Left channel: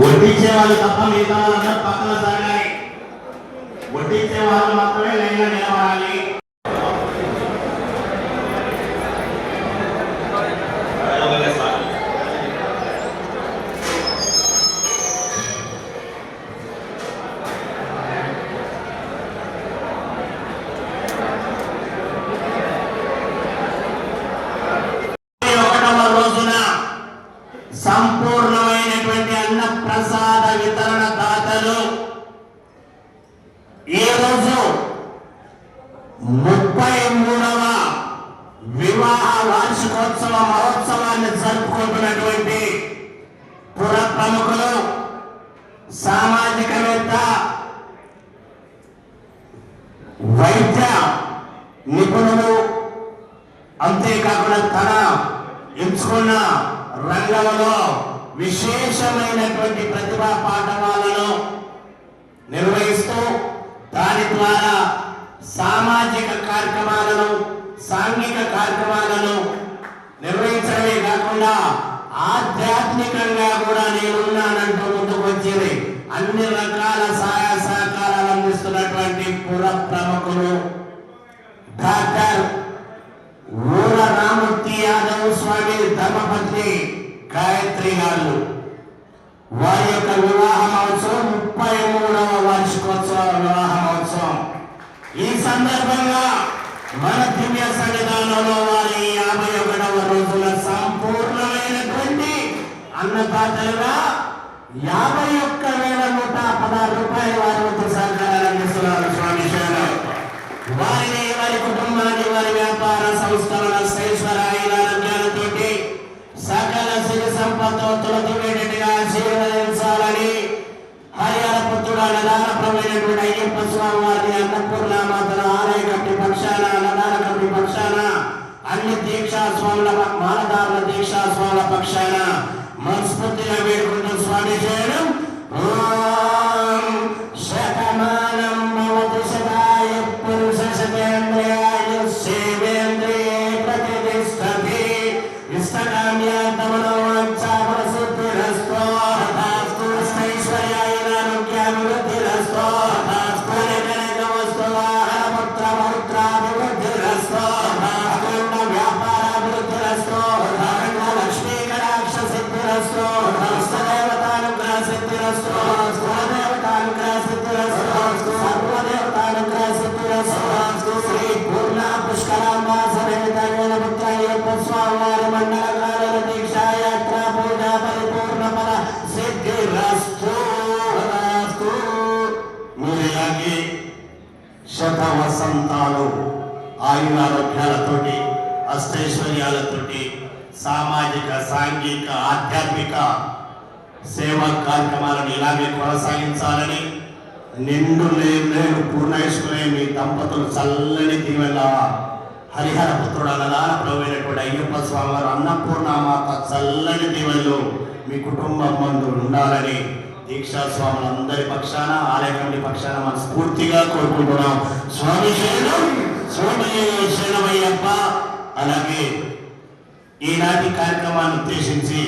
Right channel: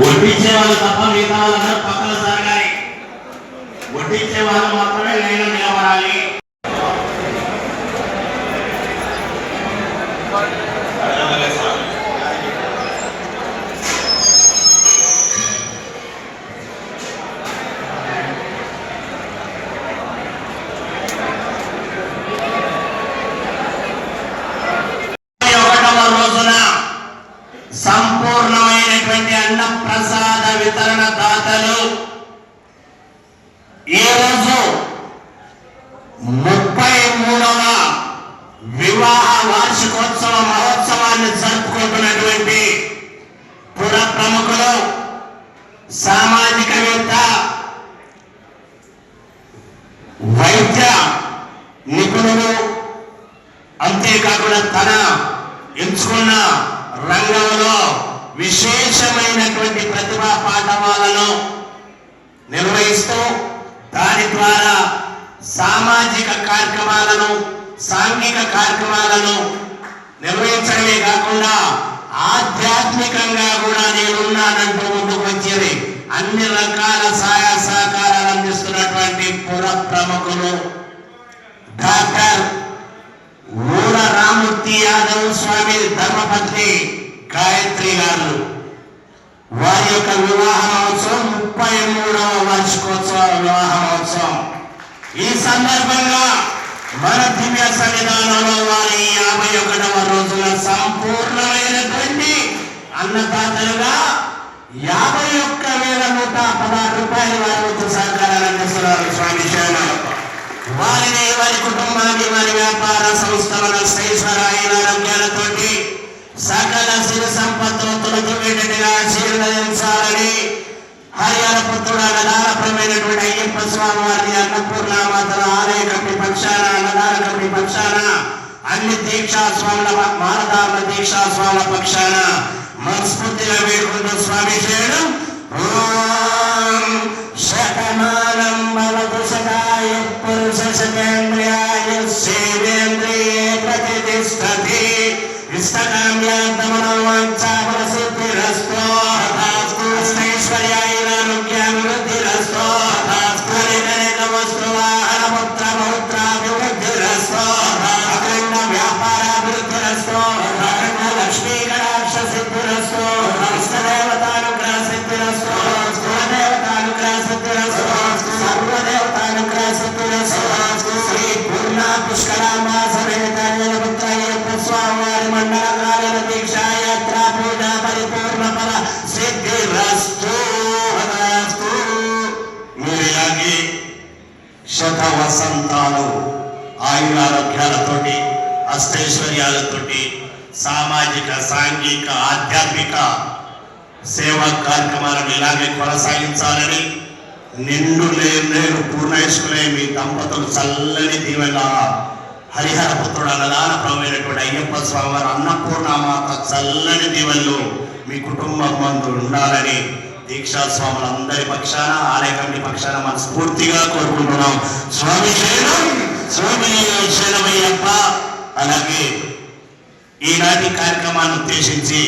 వడ్డించే వాళ్ళు తప్ప మిగతా వాళ్ళందరూ పక్కన జరగాలి. వడ్డించే వాళ్ళు మాత్రమే లైన్లో నిలబడాలి. సంపూర్ణమైనటువంటి అన్న ప్రసాద వితరణ దాతలు ఈ రోజు 33వ వివాహ వార్షికోత్సవ మహోత్సవాన్ని జరుపుకుంటున్నటువంటి పుర ప్రముఖులు, సామాజికవేత్త, వైద్య నిపుణులు, అంతేకాకుండా తన ఎంచుకున్న రంగంలో విశేషమైనటువంటి ప్రతిభా పాఠవాలను నిర్వహిస్తూ దాని ద్వారా సామాజిక కార్యక్రమాలను, సాంఘిక కార్యక్రమాలను నిర్వహించడమే కాకుండా ఆధ్యాత్మికంగా కూడా నేనున్నానంటూ ముందుకు వచ్చేది అన్ని రకాల సహాయ సహకారాలు అందిస్తున్నటువంటి పుర ప్రముఖులు డాక్టర్ ఊర రామూర్తి యాదవ్ స్వామి ధర్మపత్ని గాయత్రి గారు వారి యొక్క వివాహ మహోత్సవం 33వ వార్షికోత్సవ వివాహ మహోత్సవం. ఈ సందర్భంగా మన దివ్య సన్నిధానంలో వారి 51వ రోజున సంపూర్ణమైనటువంటి అన్నదాతలుగా 51,116 రూపాయలు వారి వంతు సహకారాలు అందిస్తున్నారు. స్వామి శరణం. వారిని, వారి కుటుంబాన్ని, వారి వ్యాపార సంస్థల శ్రేష్ఠరాయితోటి సకల సిరి సంపత్తులు తొలగిపోయేటట్టుగా ఆశీర్వదించాలని హరిహర పుత్రుడు అన్నదానప్రమైనటువంటి అయ్యప్ప స్వామి వారిని అన్నపూర్ణమాతల ఆలయ కమిటీ పక్షాన, అన్నదాన కమిటీ పక్షాన, అన్ని దీక్షా స్వాముల మానదారుల దీక్షా స్వాముల పక్షాన మనస్ఫూర్తిగా వేడుకుంటూ స్వామి శరణం. శతమానం భవతు శతాయ పురుష శతేంద్రియాయ సేవేంద్రియే ప్రతిష్టతి ఇష్టకామ్యార్థమనోవాంఛాఫలసిద్ధిరస్తు తథాస్తు. ఐశ్వర్యాయురారోగ్యాభివృద్ధిరస్తు తథాస్తు. నిజనిజవస్తు వాహన పుత్ర పౌత్రాభివృద్ధిరస్తు అఖండ వ్యాపారాభివృద్ధిరస్తు అఖండ లక్ష్మీ కటాక్ష సిద్ధిరస్తు ఇష్టదేవతానుగ్రహ సిద్ధిరస్తు కులదేవతానుగ్రహ సిద్ధిరస్తు సర్వదేవతానుగ్రహ సిద్ధిరస్తు. శ్రీ పూర్ణ పుష్కరాంబా సమేత పుత్ర అయ్యప్ప స్వామి వారి మండలకాల దీక్షాయాత్ర పూజ పరిపూర్ణ ఫల సిద్ధిరస్తు. మీరు ఇలాగే శత వసంతాలు ఆయురారోగ్యాలతోటి, అష్టైశ్వర్యాలతోటి సామాజిక, సాంఘిక, ఆధ్యాత్మిక సేవా కార్యక్రమాలను ఇలాగే కొనసాగించాలని నిండు నేను పూర్ణాయుష్కులే మీ దంపతులు చల్లని దీవెన హరిహర పుత్రుడు అన్నదానప్రభువైనటువంటి అయ్యప్ప స్వామి వారి అన్నపూర్ణమాత చల్లని దీవెనలు మీ కుటుంబం మందు ఉండాలని దీక్షా స్వాములందరి పక్షాన, ఆలయ కమిటీ పక్షాన మనస్ఫూర్తిగా కోరుకుంటున్నాం. స్వామి శరణం. స్వామి శరణమయ్యప్ప. అలాగే ఈనాటి కార్యక్రమాన్ని ఉద్దేశించి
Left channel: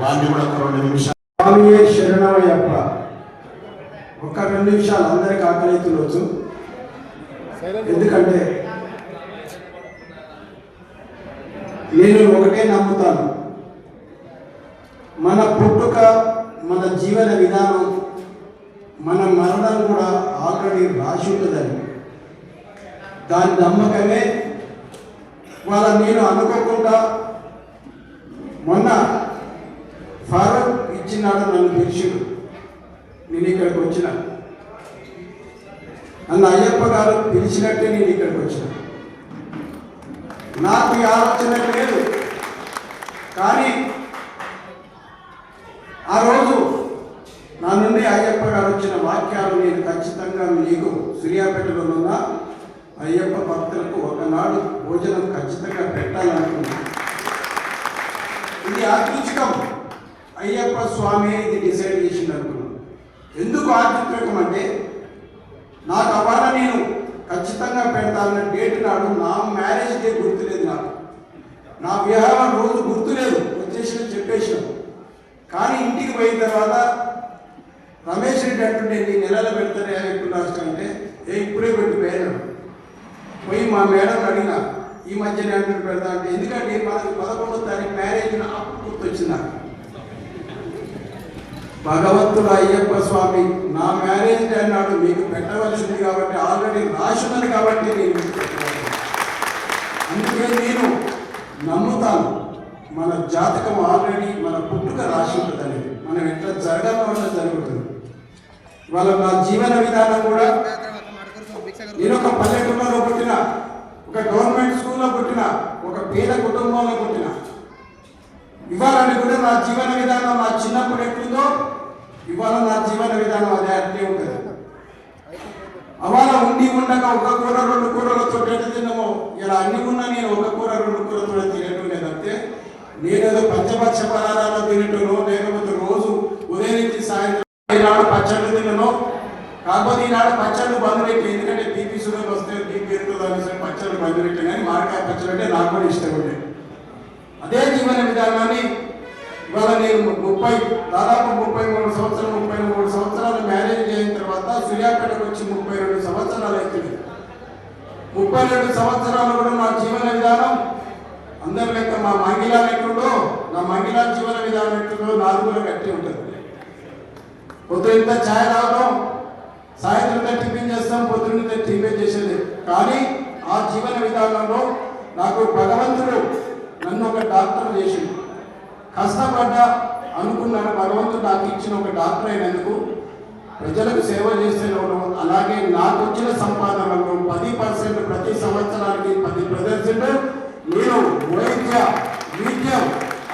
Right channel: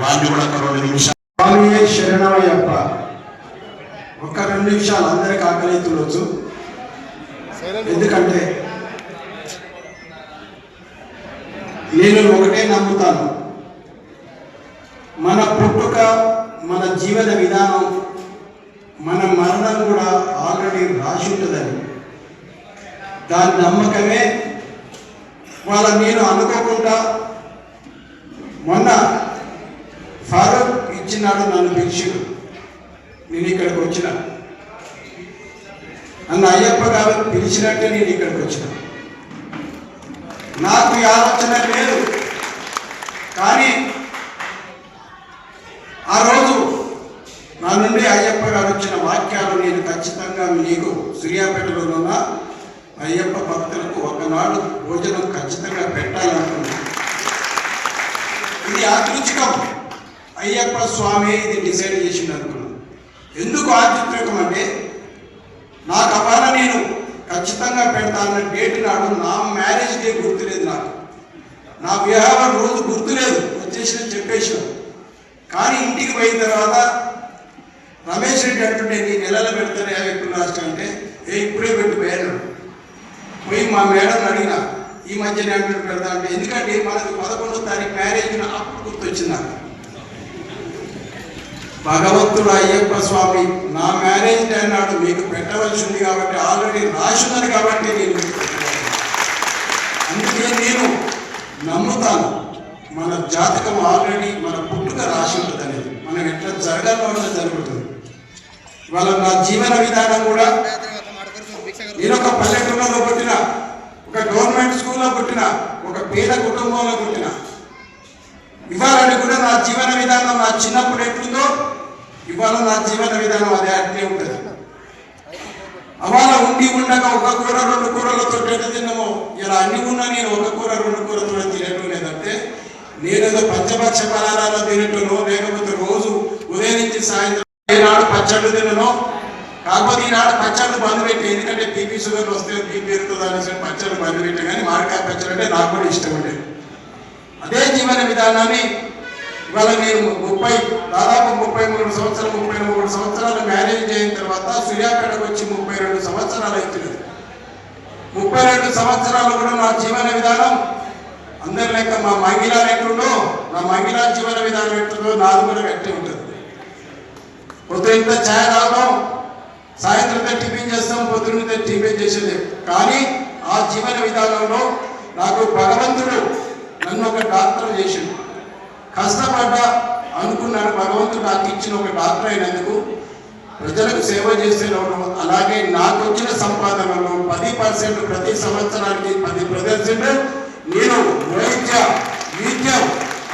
వారిని కూడా 2 నిమిషాలు. స్వామి శరణమయ్యప్ప. ఒక 2 నిమిషాలు అందరికి ఆకలితుండొచ్చు. ఎందుకంటే నేను ఒకటే నమ్ముతాను, మన పుట్టుక, మన జీవన విధానం, మన మరణం కూడా ఆల్రెడీ రాసి ఉంటుందని. దాని నమ్మకమే నేను అనుకోకుండా మొన్న ఫారూక్ ఇచ్చినాడు, నన్ను పిలిచి నేను ఇక్కడికి వచ్చిన. నన్ను అయ్యప్ప గారు పిలిచినట్టే నేను ఇక్కడికి వచ్చిన. నాకు ఈ ఆలోచన లేదు, కానీ ఆ రోజు నా నుండి అయ్యప్ప గారు వచ్చిన వాక్యాలు నేను ఖచ్చితంగా మీకు సూర్యాపేటలోనున్న అయ్యప్ప భక్తులకు ఒకనాడు భోజనం ఖచ్చితంగా పెట్టాలనుకున్నాను. ఇది యాదృచ్ఛికం అయ్యప్ప స్వామి ఇది డిసైడ్ చేసింది అనుకున్నాను. ఎందుకు యాదృచ్ఛికం అంటే నాకు అవాళ నేను ఖచ్చితంగా పెడతానన్న డేట్ నాడు నా మ్యారేజ్ డే గుర్తులేదు, నా వివాహం రోజు గుర్తులేదు, వచ్చేసిన చెప్పేసిన. కానీ ఇంటికి పోయిన తర్వాత రమేష్ రెడ్డి అంటుండే నీ నెలలో పెడతాను 50 రాష్ట్రం అంటే ఇప్పుడే పెట్టి వేయను పోయి మా మేడం అడిగిన ఈ మధ్య నేను పెడతా అంటే ఎందుకంటే మనకు 11వ తారీఖు మ్యారేజ్ అప్పుడు గుర్తొచ్చింది నాకు. భగవంతుడు అయ్యప్ప స్వామి నా మ్యారేజ్ డే అన్నాడు మీకు పెట్టవలసింది కాబట్టి ఆల్రెడీ రాసున్నది కాబట్టి నేను అందుకే నేను నమ్ముతాను మన జాతకం ఆల్రెడీ మన పుట్టుక రాసి ఉంటుంది అనేది, మనం ఎట్లా జరగాలో జరుగుతుంది. ఇవాళ నా జీవన విధానం కూడా నేను ఒక పల్లెటూరులో పుట్టిన, ఒక గవర్నమెంట్ స్కూల్లో పుట్టిన, ఒక పేద కుటుంబంలో పుట్టిన. ఇవాళ కూడా నా జీవన విధానం నా చిన్నప్పుడు ఎట్లుందో ఇవాళ నా జీవన విధానం అదే అట్లే ఉంటుంది. అవాళ ఉండి ఉండగా ఒక కూర 2 కూరలతో ఎట్లా తిన్నామో ఇలా అన్ని ఉన్నా నేను ఒక కూర 2 కూరతో తినట్టు లేదంటే నేనేదో పంచభక్ష పదార్థాలు తినట్టునో లేకపోతే రోజు ఉదయం నుంచి సాయంత్రం ఈనాడు పచ్చళ్ళు తినను. కాకపోతే ఈనాడు పచ్చళ్ళు బంద్ పెట్టి ఎందుకంటే బీపీ షుగర్ వస్తే బీపీ పెరుగుతుంది అనేసి పచ్చళ్ళు బంద్ పెట్టే కానీ మామిడికాయ పచ్చళ్ళు అంటే నాకు కూడా ఇష్టం ఉండేది. అదే జీవన విధానాన్ని ఇవాళ నేను దాదాపు 33 సంవత్సరాలు మ్యారేజ్ అయిన తర్వాత సూర్యాపేటకు వచ్చి 32 సంవత్సరాలు అవుతుంది. 32 సంవత్సరాలు కూడా నా జీవన విధానం అందరి లెక్క మా మంగిలా ఎట్లుందో నా మంగిలా జీవన విధానం ఎట్లుందో నాది కూడా గట్టి ఉంటుంది. పొద్దున్న ఛాయ్ తాగుతాం, సాయంత్రం టిఫిన్ చేస్తాం, పొద్దున్న టిఫిన్ చేసేది. కానీ ఆ జీవన విధానంలో నాకు భగవంతుడు నన్ను ఒక డాక్టర్ చేసిండు. కష్టపడ్డా అనుకున్నాను భగవంతుడు నాకు ఇచ్చిన ఒక డాక్టర్ అయినందుకు ప్రజలకు సేవ చేసేవాడు. అలాగే నాకు వచ్చిన సంపాదనలో 10% ప్రతి సంవత్సరానికి 10% నేను వైద్య విద్యం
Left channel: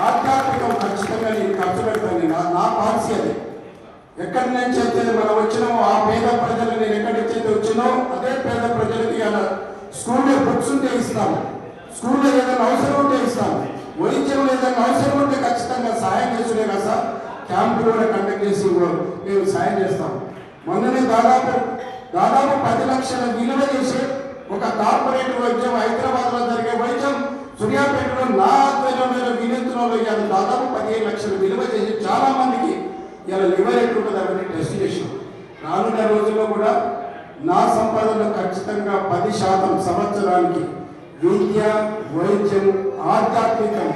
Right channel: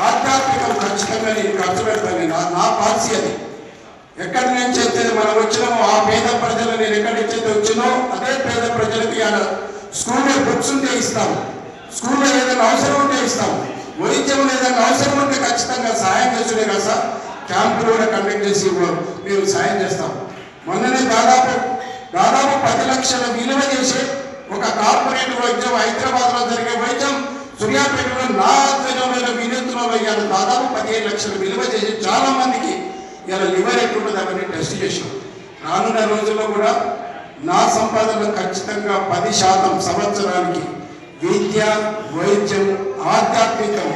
ఆధ్యాత్మికం ఖచ్చితంగా నేను ఖర్చు పెడతాను. నా పాలసీ అది. ఎక్కడి నుంచి అయితే మనం వచ్చినామో ఆ పేద ప్రజలు నేను ఎక్కడి నుంచి అయితే వచ్చినో అదే పేద ప్రజలకు స్కూల్లో బుక్స్ ఉంటే ఇస్తాను, స్కూల్లో ఏదైనా అవసరం ఉంటే ఇస్తాము, వైద్యం ఏదైనా అవసరం ఉంటే ఖచ్చితంగా సాయం చేస్తుండే కదా సార్. క్యాంపులు కూడా కండక్ట్ చేసి మేము సాయం చేస్తాం. మొన్ననే దాదాపు 10 లక్షల విలువ చేసే ఒక కార్పొరేట్ వైద్యం హైదరాబాద్లో జరిగే వైద్యం సూర్యాపేటలో నా ఆధ్వర్యంలో వినూత్నంలో ఇవాళ దాదాపు 15 లక్షలు విలువ చేసి చాలా మందికి ఇవాళ లివర్ ఎట్లుంటుంది అవన్నీ టెస్ట్ చేసాం. రానున్న రోజుల్లో కూడా నా సంపాదనలో ఖచ్చితంగా 10% సంవత్సరానికి విద్య, వైద్యం, ఆధ్యాత్మికం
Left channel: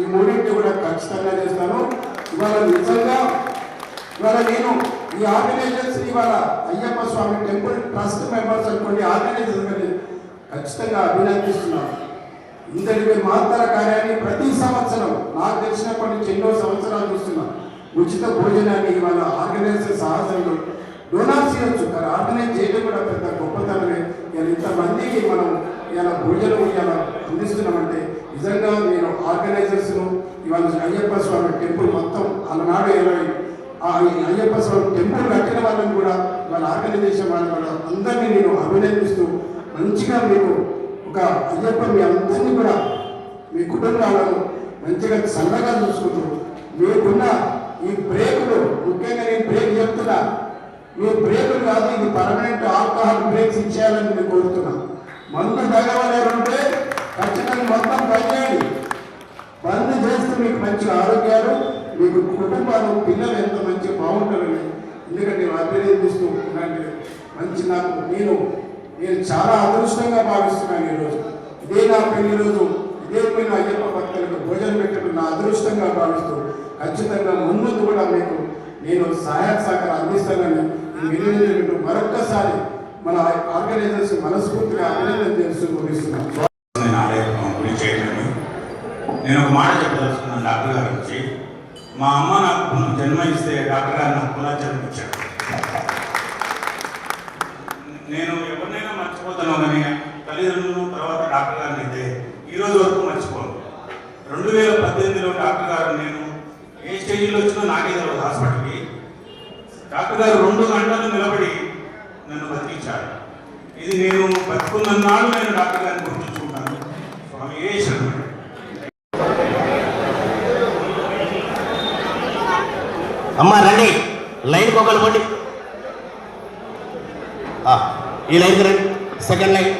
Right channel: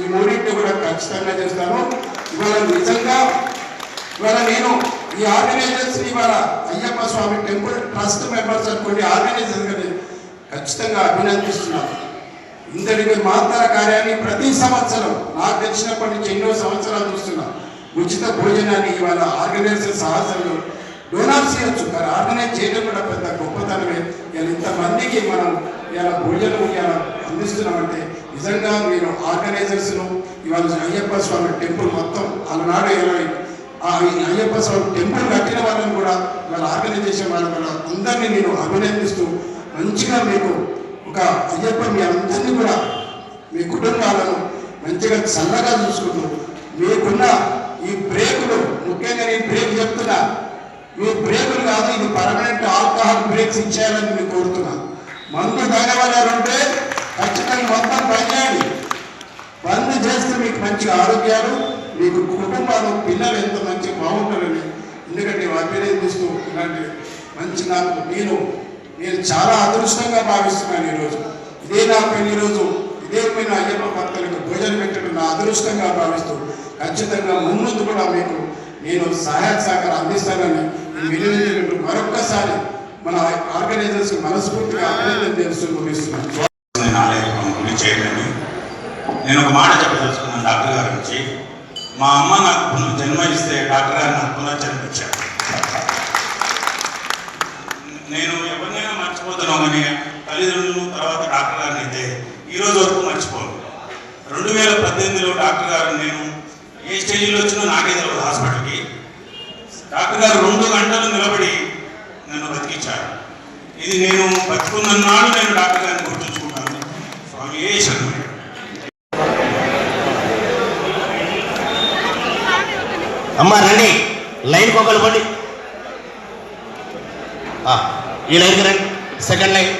ఈ మూడింటి కూడా ఖచ్చితంగా చేస్తాను. ఇవాళ నిజంగా ఇవాళ నేను ఈ ఆర్గనైజర్స్ ఇవాళ అయ్యప్ప స్వామి టెంపుల్ ట్రస్ట్ మెంబర్స్ అనుకోండి ఆర్గనైజర్స్ ఖచ్చితంగా అభినందిస్తున్నాను. ఇందరికి మాతర కార్యాన్ని ప్రతి సంవత్సరం నాకు తెలిసినప్పటి నుంచి ఎన్నో సంవత్సరాలు చూస్తున్నా. ఉచిత భోజనాన్ని ఇవాళ ఆర్గనైజర్ సాహసంలో డోనార్స్ చేయొచ్చు, కానీ ఆర్గనైజ్ చేయడం కూడా పెద్ద గొప్పతనమే. ఇలా ఇంతమందికి మనం ఇలా భోజనం ఇలా అందిస్తున్నామంటే నిజంగా మీరు ఆర్గనైజర్స్ను ఇవాళ అయ్యప్ప స్వామి టెంపుల్ మొత్తం అలనాడు 20 అయ్యప్ప స్వామి టెంపుల్ కట్టిన వాళ్ళని కూడా వాళ్ళ ఆర్గనైజేషన్ వాళ్ళని కూడా అందరినీ నేను అభినందిస్తూ మంచిగా మీకు ఒక అయ్యప్ప మీ అందరినీ కూడా మీ కుటుంబాలను మంచిగా చల్లగా చూసుకుంటూ మీకున్న ఈ బ్రేకులు ముఖ్యంగా నేను బ్రేక్ చెప్తున్నా, మీ బ్రేకులు కాదు ఇది పర్మనెంట్ ఆల్కహాల్ బ్రేక్స్ ఇచ్చేయాలని మీకు కోరుతున్నా. మందు తాగేవాళ్ళు ఉంటే ఖచ్చితంగా మొత్తం బంద్ చేయండి. బంద్ చేస్తే మీకు మంచి ఆరోగ్యాలు, మీకు కుటుంబాలు పిల్లలు ఎంత మంచి బాగుంటారని ఎందుకంటే అభినందిస్తూ ఇలాంటి మంచి నాకు నేను చాలా అదృష్టంగా భావిస్తున్నాను. ఈరోజు ఇదే నా పెళ్లి రోజు, ఇదే పోయిన అయ్యప్ప భక్తులకు భోజనం పెట్టడం నా అదృష్టంగా భావిస్తూ ఖచ్చితంగా ముందు కూడా మీకు నేను సహాయ సహకారం అందిస్తానని ఈ వినియోగం మరొక్కసారి మన ఆర్గనైజర్స్ మనస్ఫూర్తిగా అభినందన చేస్తూ ముగిస్తున్నాను. నేను ఒక మాట చెప్పదలుచుకున్నాను డాక్టర్ గారి నుంచి. మా అమ్మ నాకు జన్మ ఇస్తే డాక్టర్ గారు నాకు పునర్జన్మించారు. నేను ఎవరినైనా మర్చిపోతున్నాను కానీ తల్లిదండ్రులు తర్వాత డాక్టర్ గారిని అయితే ఈరోజు వరకు మర్చిపోను. 2018లో డాక్టర్ గారు నేను ఏ స్టేజ్లో వచ్చినా నాకే తెలియదు హాస్పిటల్కి. డాక్టర్ గారు 2 గంటలు నిలబడి నన్ను బతికించారు. ఇది నేను బతుకున్నన్నాడు నేను డాక్టర్ గారిని గుర్తుంచుకుంటాను. స్వామి ఏ శరణం. అమ్మ రండి, లైన్ ఒకళ్ళు పండి, ఈ లైన్కి రండి, సెకండ్ లైన్.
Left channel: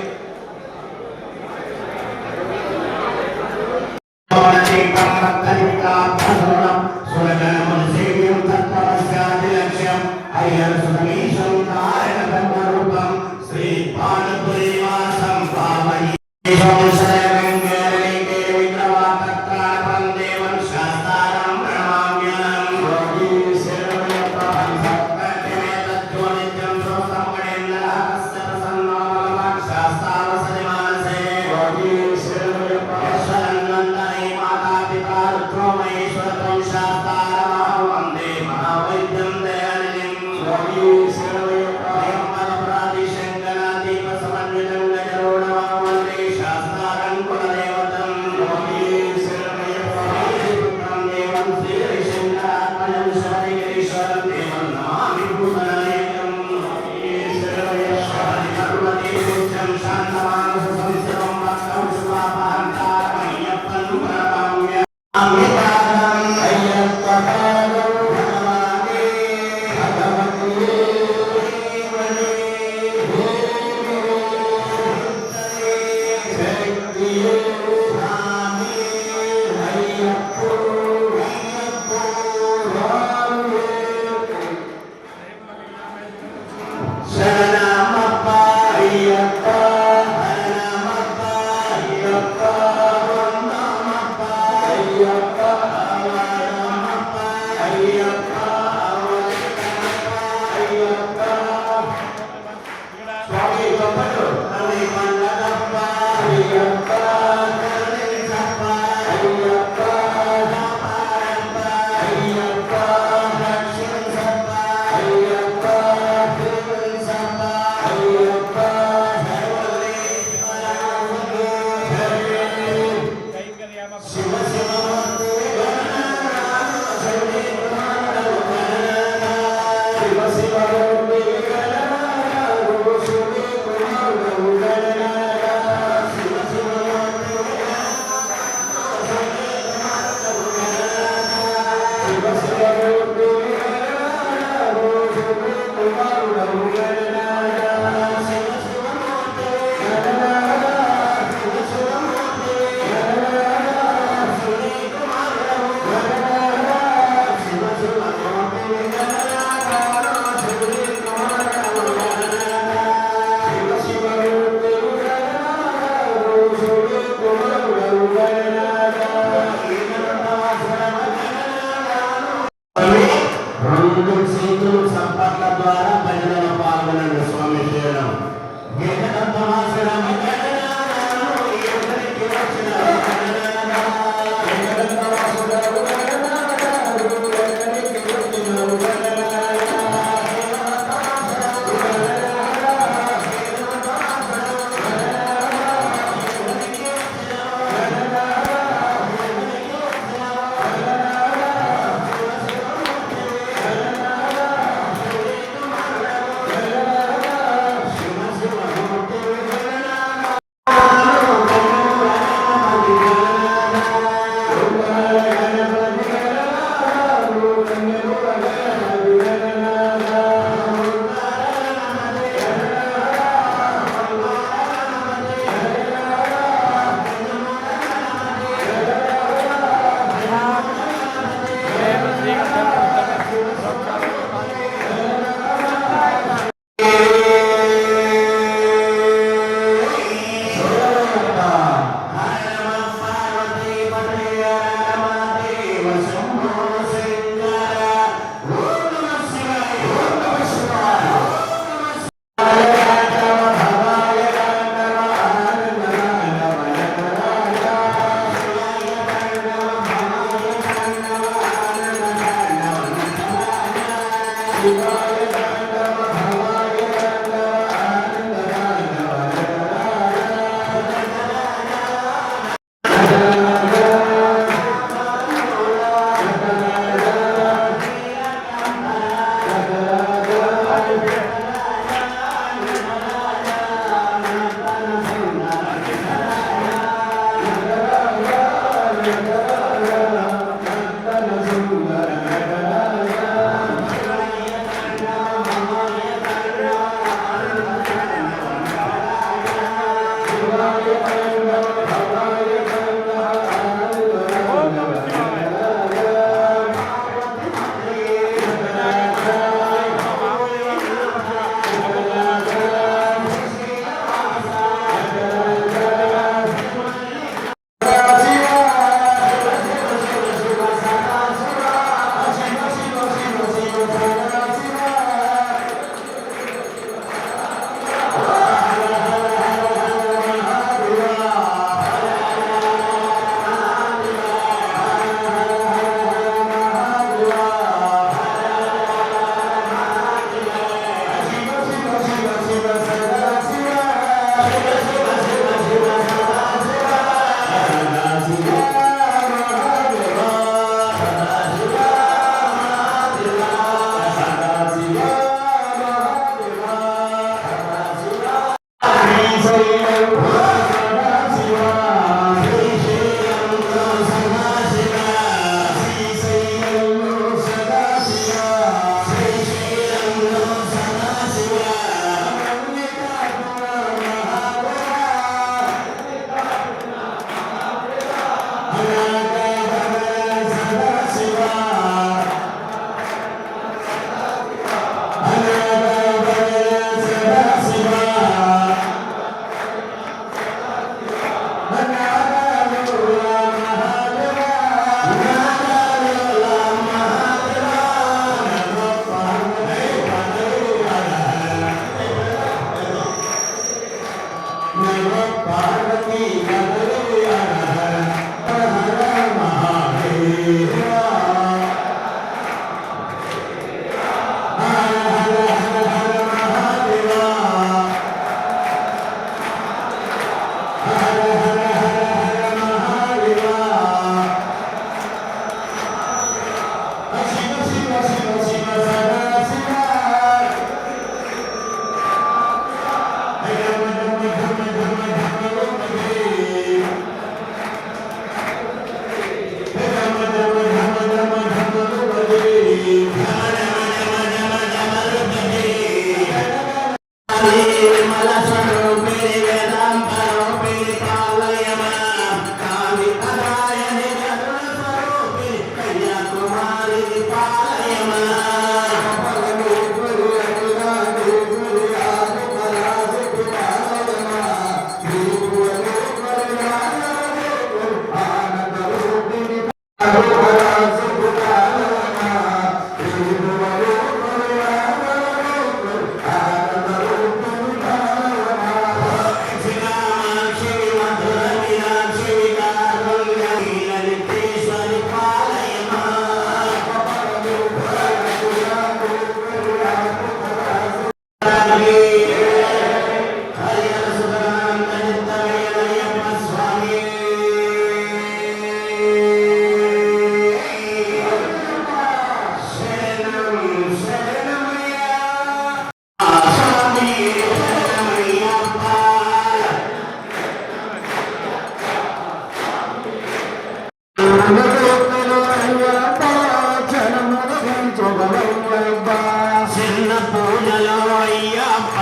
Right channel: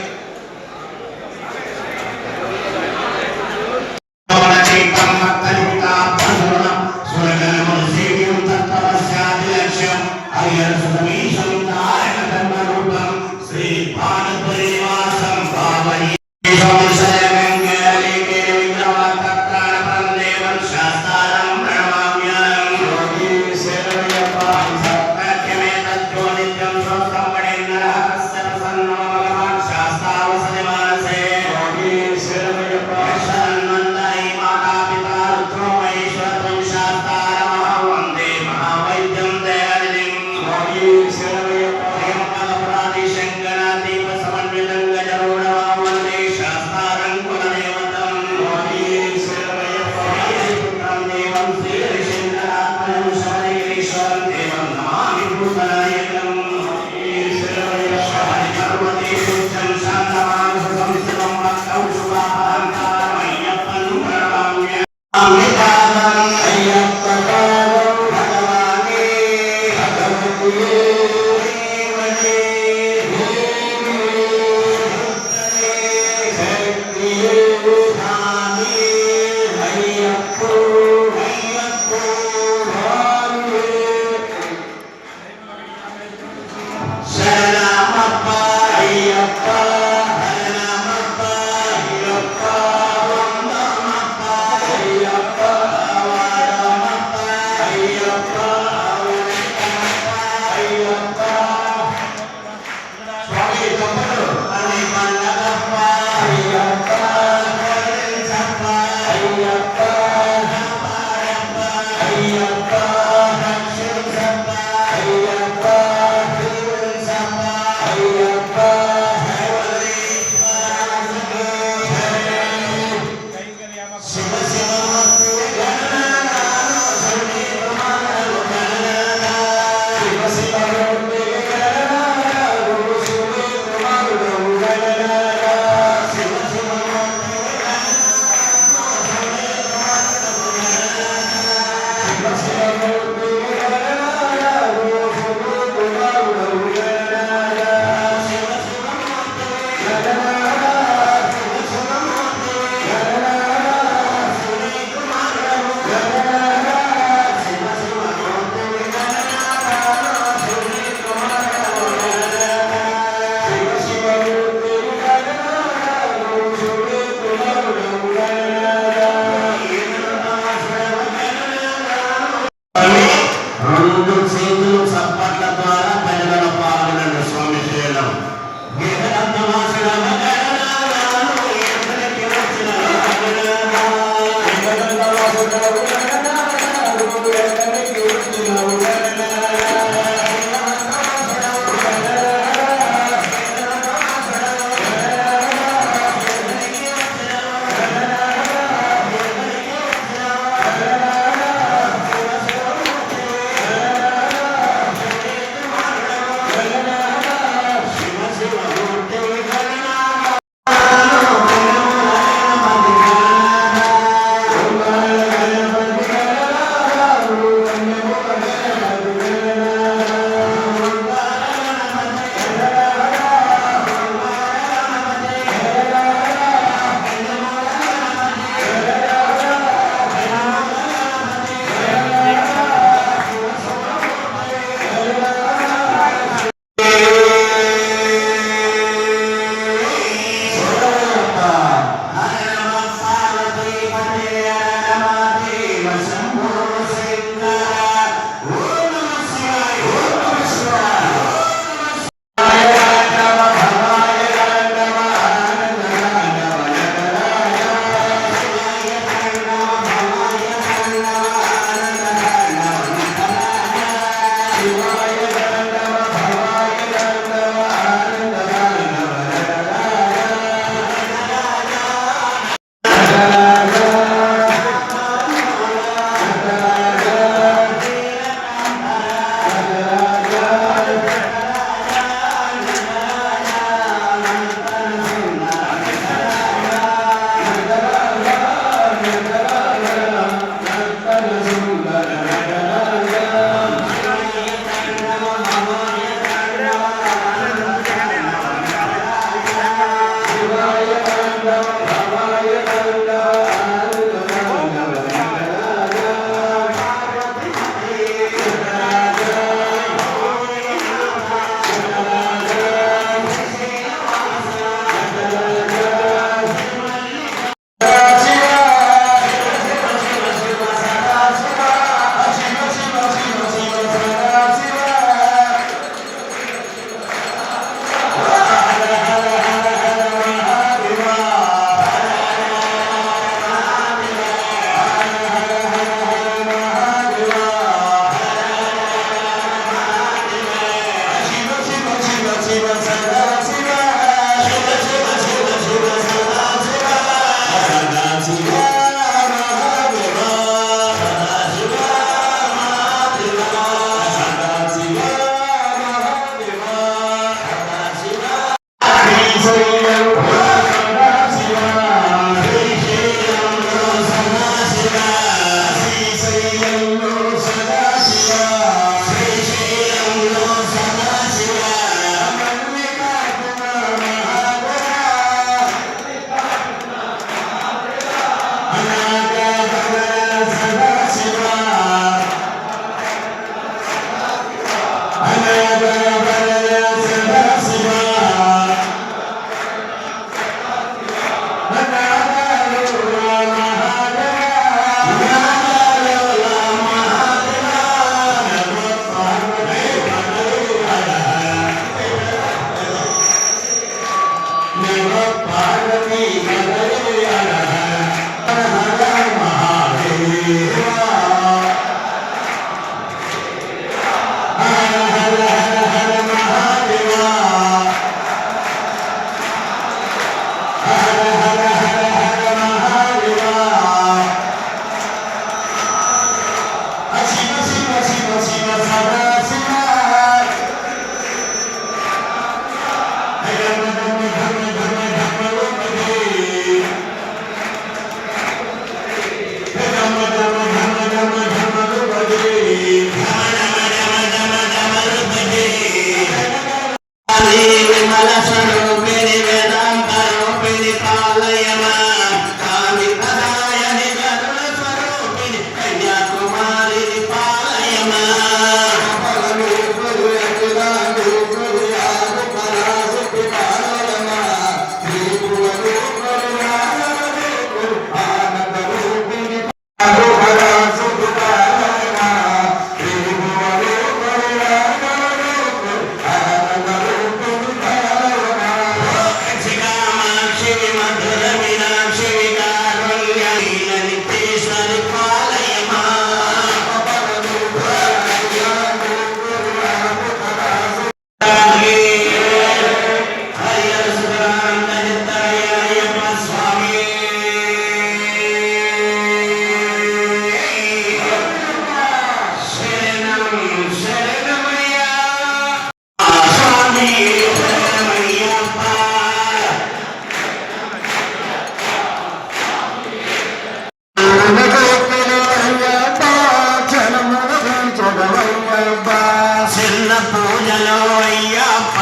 పూజలో అయ్యప్ప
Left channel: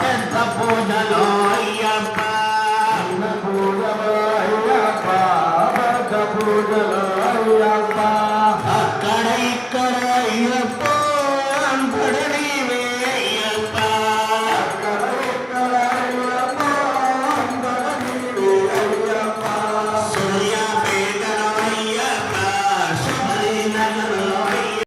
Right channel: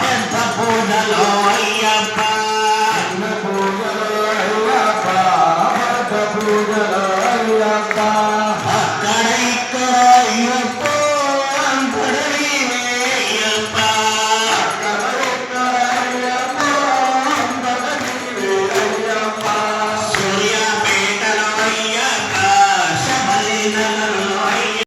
పెద్ద పూజలో అయ్యప్ప అక్కడ ఇక్కడ అయ్యప్ప అంతడ నీవే అయ్యప్ప సూర్యాపేటలో అయ్యప్ప శబరినగర్లో అయ్యప్ప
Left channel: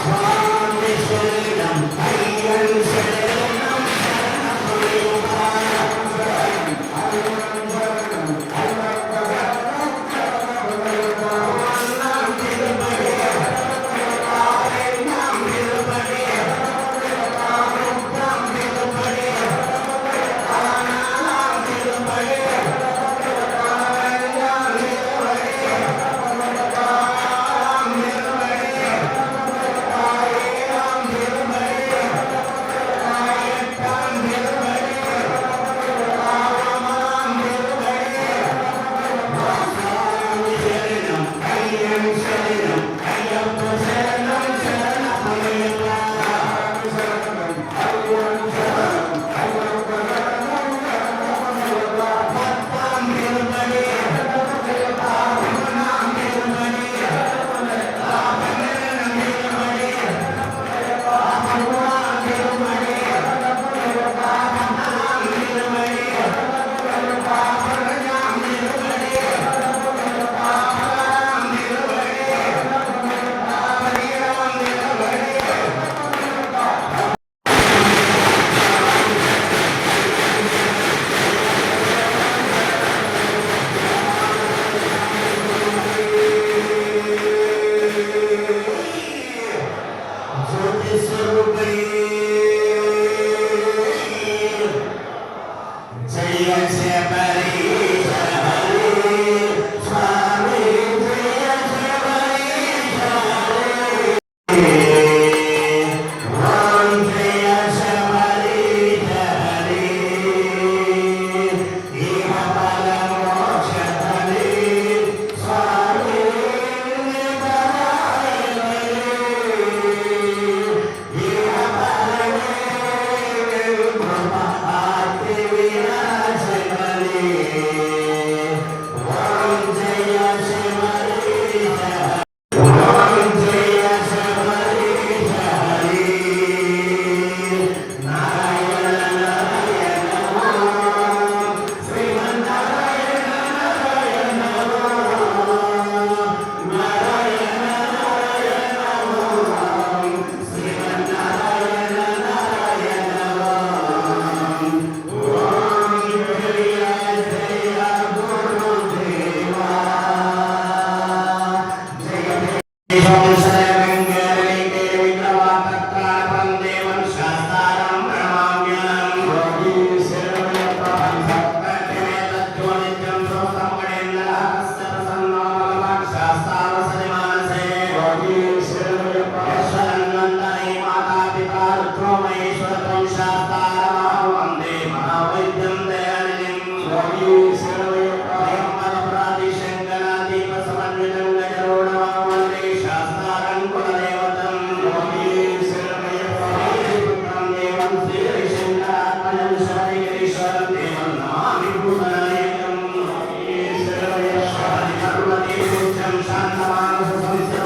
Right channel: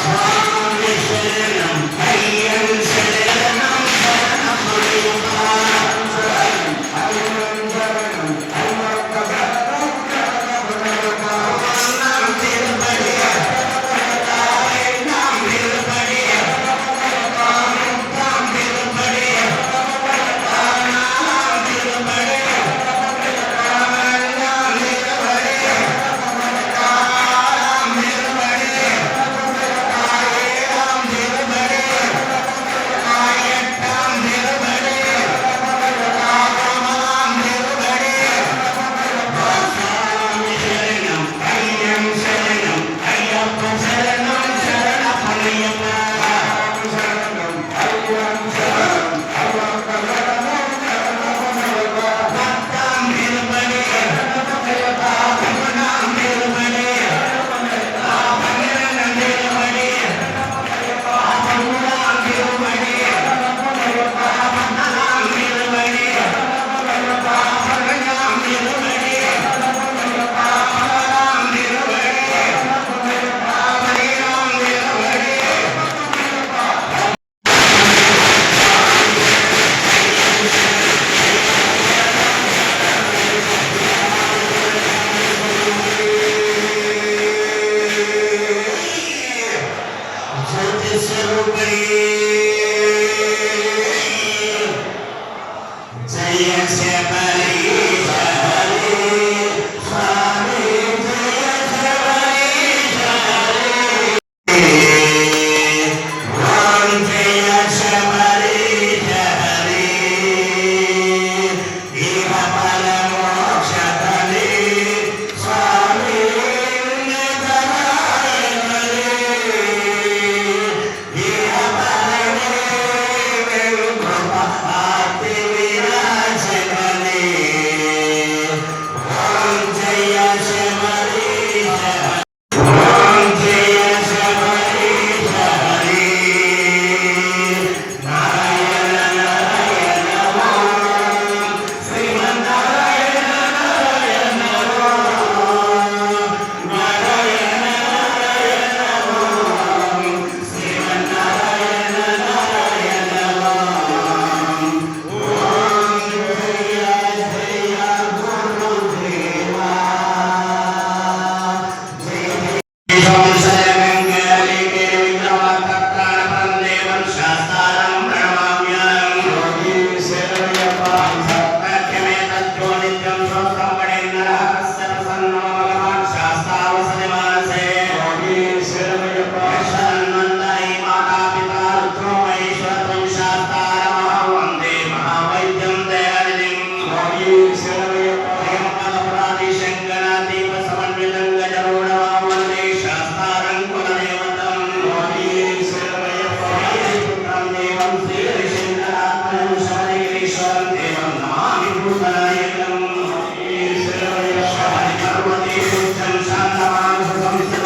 స్వామి శరణం అయ్యన్ శరణం శరణమయ్యప్ప శాంతమానస సంస్థ